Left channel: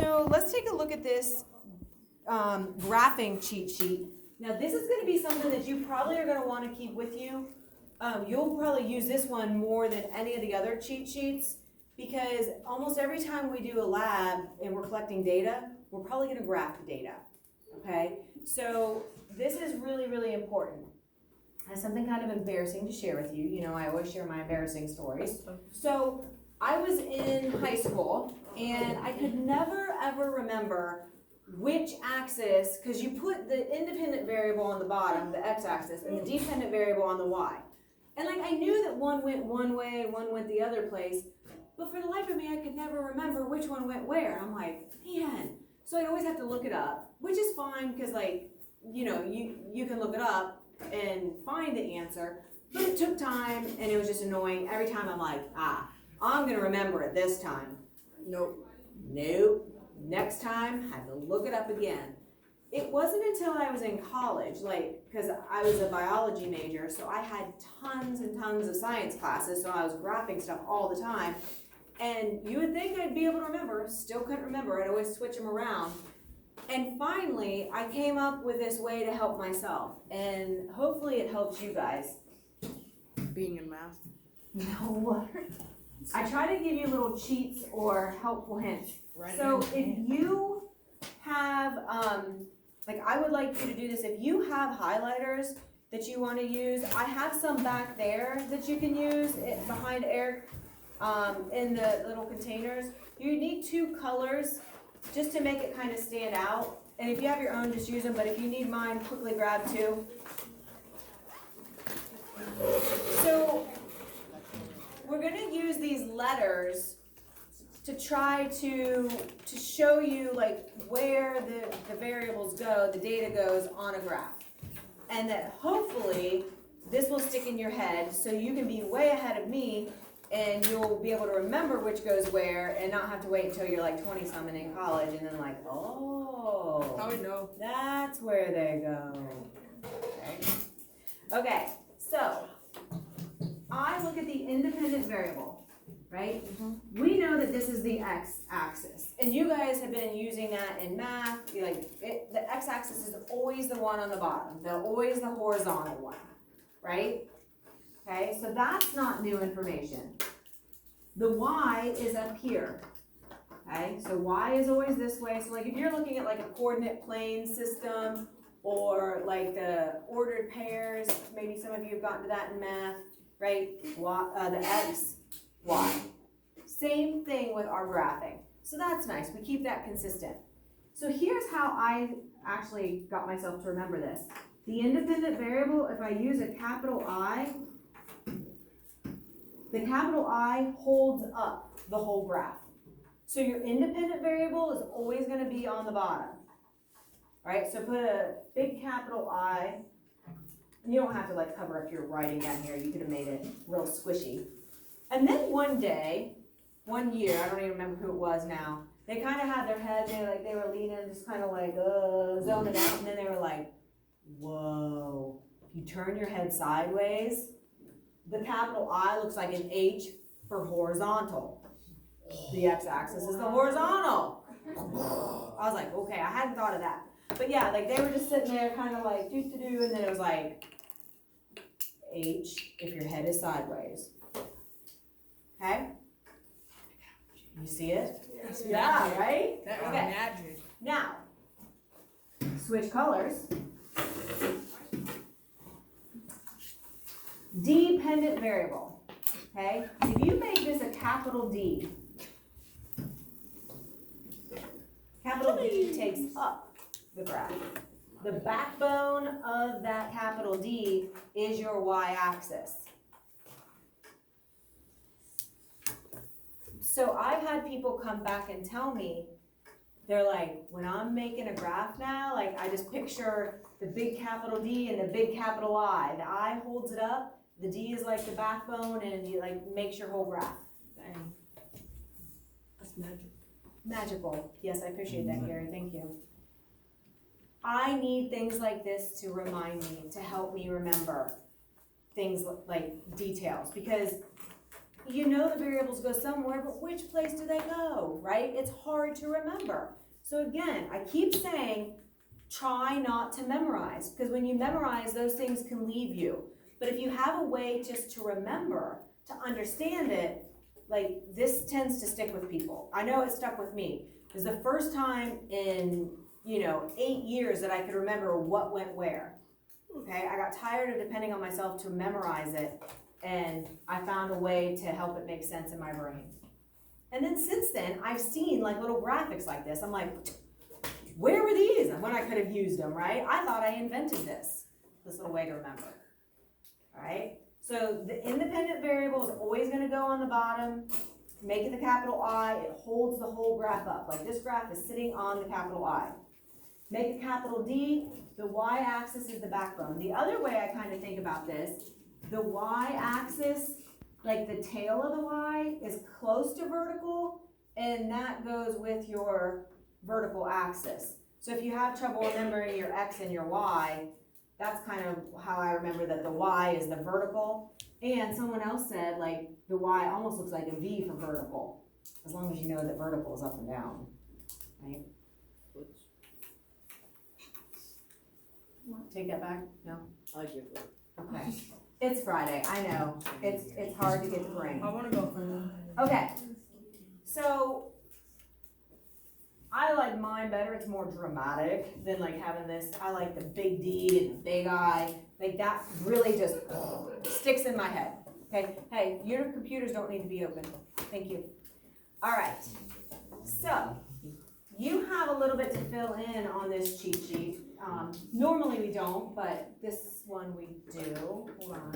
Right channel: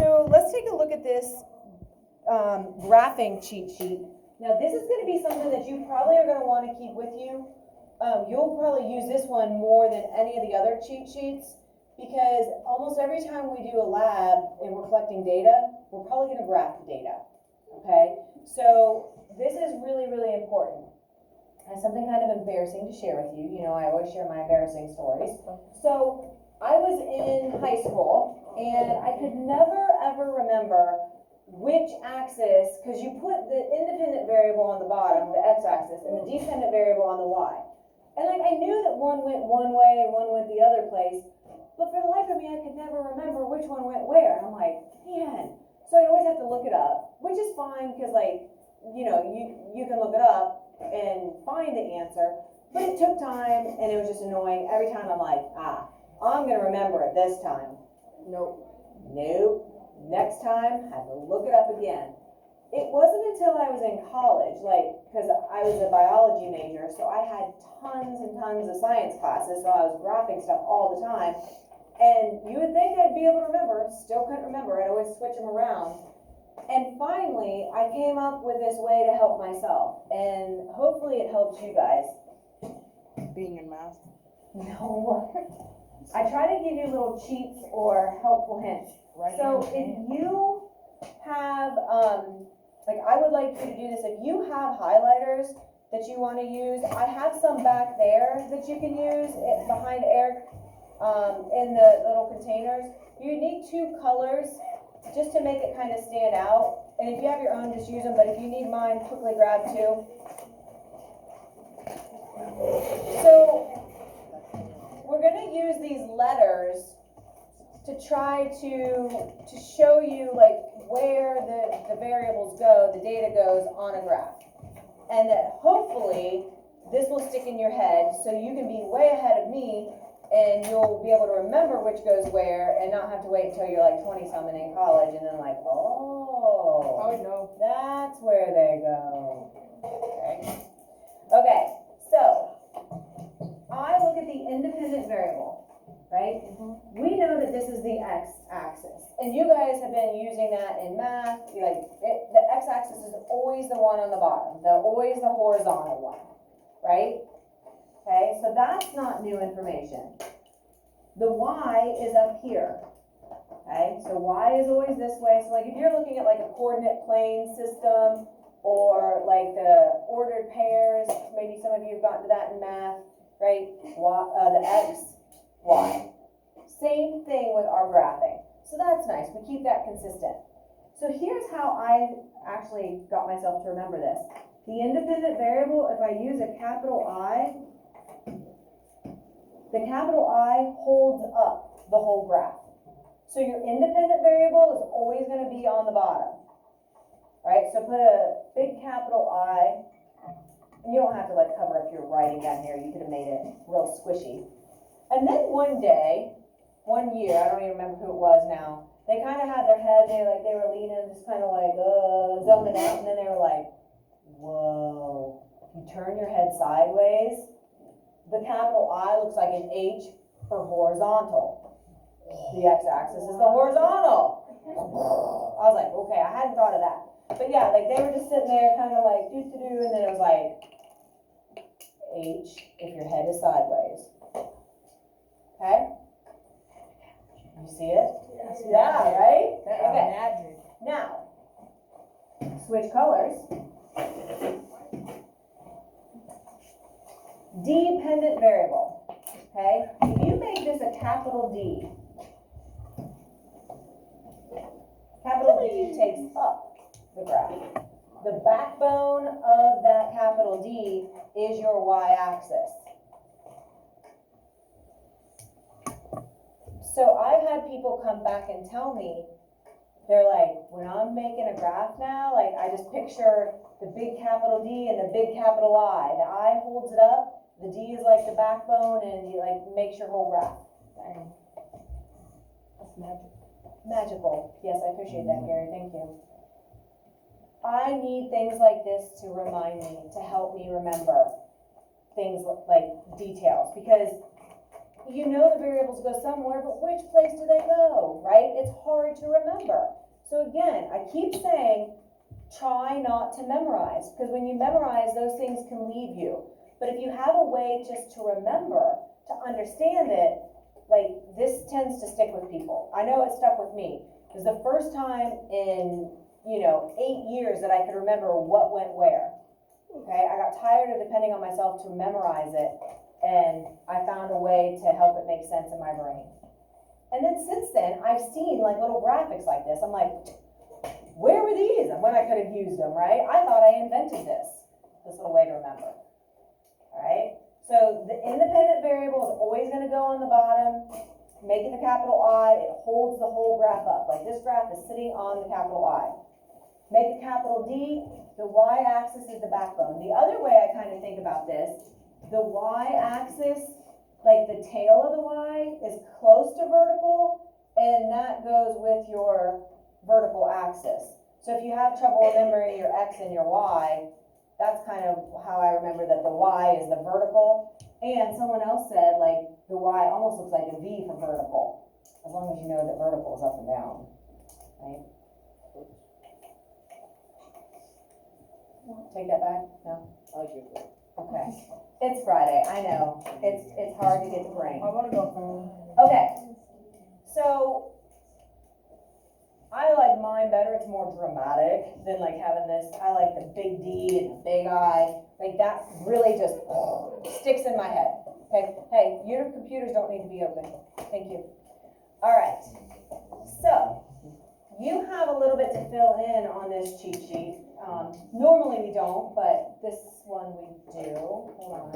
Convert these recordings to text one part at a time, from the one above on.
So let's take a look at this graphing cheat sheet. Now this is going to be something that you probably are going to want to keep with you. You'll probably use this one more than any of the other cheat sheets because almost every time we do a lab and we're collecting data, we're probably going to graph the data. Okay, so this is really, really important. I have something kind of embarrassing to share with you. You know, I always share my embarrassing stories. So I was in high school and I could never ever remember which axis, because you put the independent variable on the bottom, the x-axis, and the dependent variable on the y. And like I knew that one went one way and one went the other place, but for the life of me, I could never remember which one went where. I'm like, man. So I always have to look it up, which is fine because like, you know, you can look it up and find the answer, but it took time and it was just annoying. Every time I'm like, I'm gonna remember it this time. Nope. Next time, I have to look it up again. It wasn't until I was in college, like, because I was a biology major, so I had tons and tons of science classes, so I was graphing stuff all the time. And you would think I'd be able to remember, still couldn't remember, I'd always switch them around. And finally, I came up with this way to help myself, and hopefully it helps you guys. Being in math? No. I try to give you little cheats or helpful hints. So if you have, like I would like you to do this, if you have highlighters that you want to use, I have some back there that you can use behind Eric in the little containers. You need 2 colors just to make it kind of stand out. And if you have your own, just use them, but if you need mine, quickly grab 2. So we're going to use these letters to try to show you like where the variables go, the data goes on a graph. And that hopefully this will stick in your head so you can be way ahead of me and you'll be able to remember which goes where and not have to wait until you're like 20-something in college and then like, oh, No. that's where they go. Okay, so I look at the independent variable, right? Mm-hmm. We know that this is the x-axis, and you guys have been using that in math. The x-axis is always the one on the bottom, always the horizontal one, right? Okay, so that's not new information. The y is up here, okay? So y is always this way. So like if you're looking at like a coordinate plane system or like the ordered pairs, maybe some of you have gotten to that in math, right? The x, y. Same thing with our graphing. So that's nice. We keep that consistent. So here's how I actually got myself to remember this. The independent variable, if I use a capital I, the capital I holds up the whole graph. So your independent variable is always going to be on the bottom. All right, so put a big capital I. And you don't have to like cover up your writing down here. You could have made it real squishy. And then one day, one year, I don't even remember who it was now, they kind of had their head, they were leaning, just kind of like, zoning out, and then they were like, whoa. You turn your head sideways, the capital I looks like an H for horizontal. The x-axis is the horizontal. I was like, okay, I hadn't thought of that. But yeah, like they were just sitting there kind of like do-do-do, and then it was like H if your head is sideways. Okay? You see it? Yes, yeah, right? Okay. Magic. Now, switch colors. Dependent variable. Okay? If you make this a capital D, capital D takes up the graph. The backbone of that capital D is your y-axis. So I've had people come back and tell me, they're like, when I'm making a graph now, like I just picture the big capital D and the big capital I. The I holds it up, the D is like the backbone, and you like makes your whole graph. Dang. That's magic. Magical. Yes, I appreciate that, Gary. Thank you. I need things like this to remind me, to help me remember things like details, because you know the variables go somewhere, but which place do they go, right? It's hard to remember. So again, I keep saying, try not to memorize, because when you memorize, those things can leave you. But if you have a way just to remember, to understand it, like this tends to stick with people. I know it stuck with me. It was the first time in, 8 years that I could remember what went where. Okay, I got tired of depending on myself to memorize it, and I found a way to help it make sense in my brain. And then since then, I've seen like little graphics like this. I'm like, where were these? And when I could have used them, right? I thought I invented this little way to remember. All right, so the independent variable is always going to go on the bottom. Make it the capital I, it holds the whole graph up. Like this graph is sitting on the capital I. Make it capital D, the y-axis is the backbone. The other way I kind of think about this, the y-axis, like the tail of the y, is close to vertical, and that goes with your vertical axis. So if you have trouble remembering your x and your y, that's kind of how I remember that the y is the vertical. And someone else said, like, the y almost looks like a V for vertical, as long as you know that vertical is up and down, right? Take that back? No? I give it. Okay. It's Friday, I know. It's hard to get the brain. I wanna go home. Okay. So, I like mine better. It's more dramatic than like having this. I like the big D and the big I. Like that really just sticks in my head. Okay. Hey, your computers don't need to be open. Thank you. All right. So you have a little bit to fill in on this cheat sheet. Normally we don't, but this one we do. Hold on.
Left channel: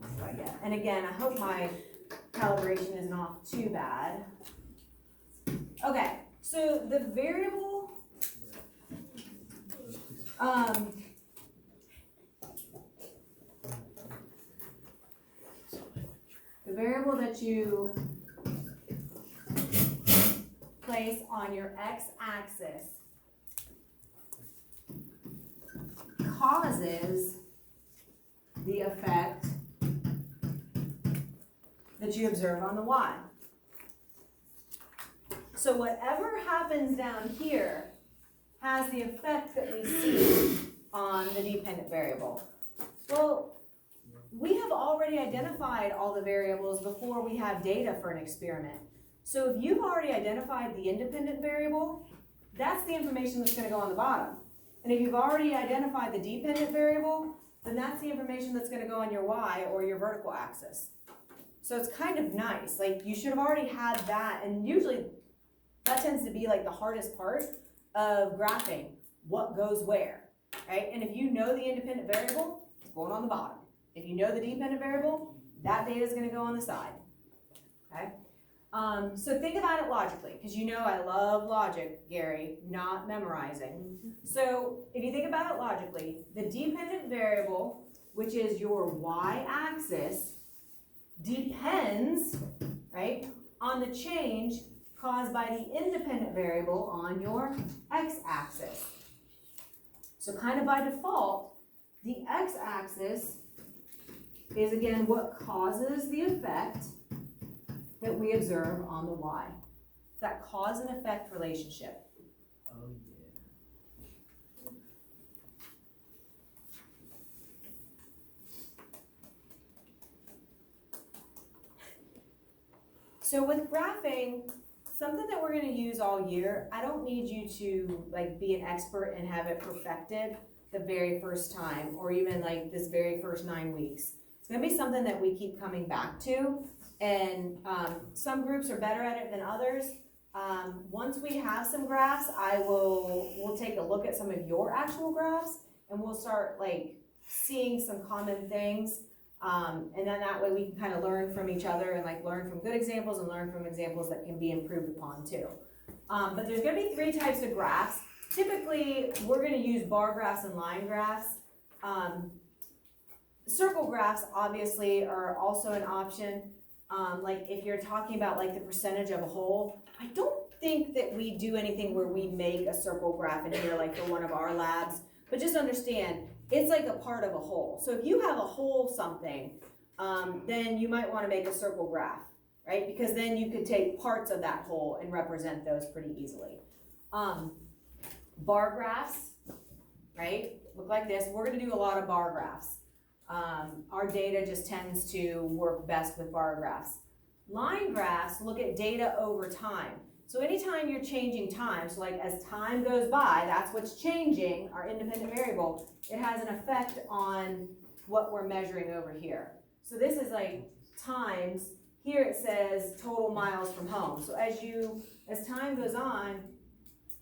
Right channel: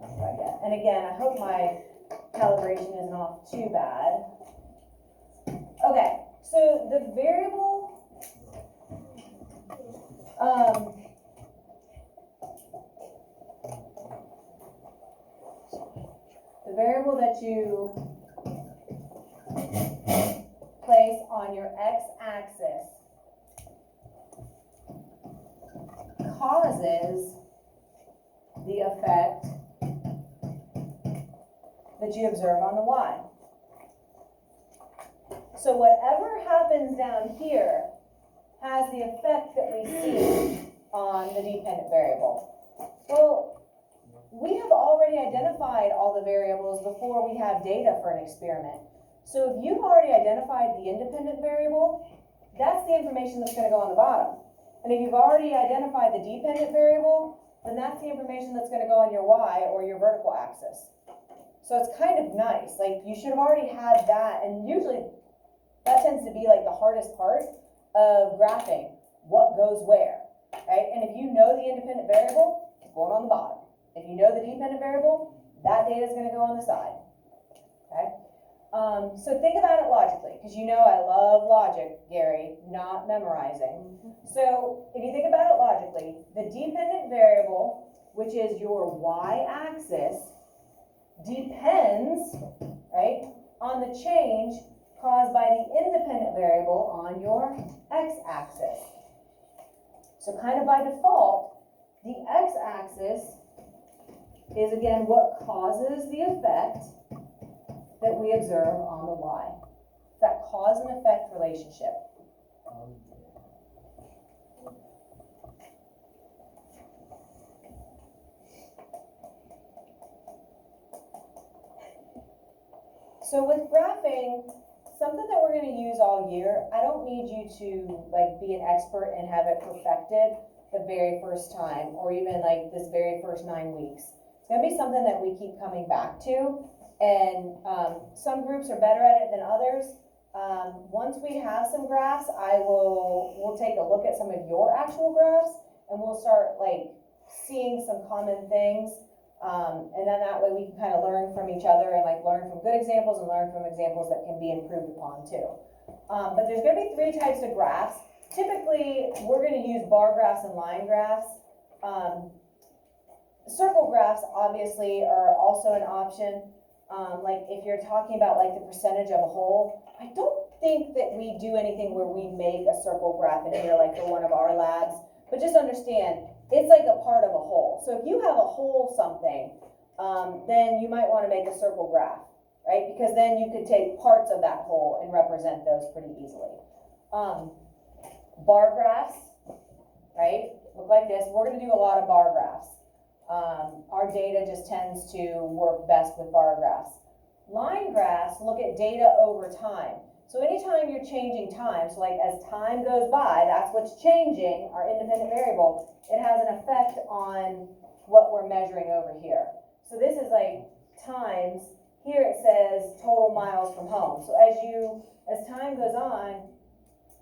That's what I get. And again, I hope my calibration isn't off too bad. Okay. So the variable, that you place on your x-axis causes the effect that you observe on the y. So whatever happens down here has the effect that we see on the dependent variable. Well, we have already identified all the variables before we have data for an experiment. So if you've already identified the independent variable, that's the information that's going to go on the bottom. And if you've already identified the dependent variable, then that's the information that's going to go on your y or your vertical axis. So it's kind of nice. Like you should have already had that, and usually that tends to be like the hardest part of graphing, what goes where, right? And if you know the independent variable, it's going on the bottom. If you know the dependent variable, that data is going to go on the side, okay? So think about it logically, because you know I love logic, Gary, not memorizing. So if you think about it logically, the dependent variable, which is your y-axis, depends, right, on the change caused by the independent variable on your x-axis. So kind of by default, the x-axis is again what causes the effect that we observe on the y. That cause and effect relationship. So with graphing, something that we're going to use all year, I don't need you to like be an expert and have it perfected the very first time, or even like this very first 9 weeks. It's going to be something that we keep coming back to, and some groups are better at it than others. Once we have some graphs, we'll take a look at some of your actual graphs, and we'll start like seeing some common things. And then that way we can kind of learn from each other and like learn from good examples and learn from examples that can be improved upon too. But there's going to be 3 types of graphs. Typically, we're going to use bar graphs and line graphs. Circle graphs obviously are also an option. Like if you're talking about like the percentage of a whole, I don't think that we do anything where we make a circle graph in here like for one of our labs, but just understand it's like a part of a whole. So if you have a whole something, then you might want to make a circle graph. right? Because then you could take parts of that whole and represent those pretty easily. Bar graphs, right, look like this. We're gonna do a lot of bar graphs. Our data just tends to work best with bar graphs. Line graphs look at data over time. So anytime you're changing time, so like as time goes by, that's what's changing, our independent variable, it has an effect on what we're measuring over here. So this is like times, here it says total miles from home. So as time goes on,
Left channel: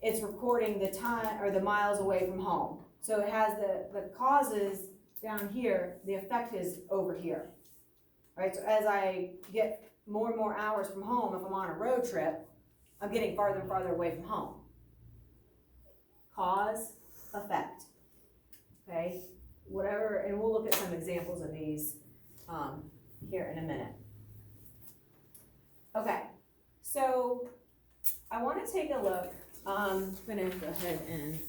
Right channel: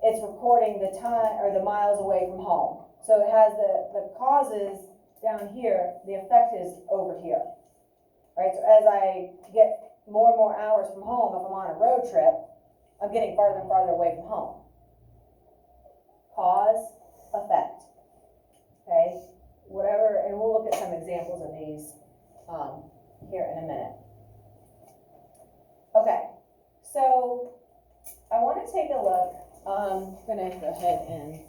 it's recording the time or the miles away from home. So it has the causes down here, the effect is over here. Right, so as I get more and more hours from home, if I'm on a road trip, I'm getting farther and farther away from home. Cause, effect. Okay, whatever, and we'll look at some examples of these here in a minute. Okay, so I want to take a look. I'm gonna go ahead and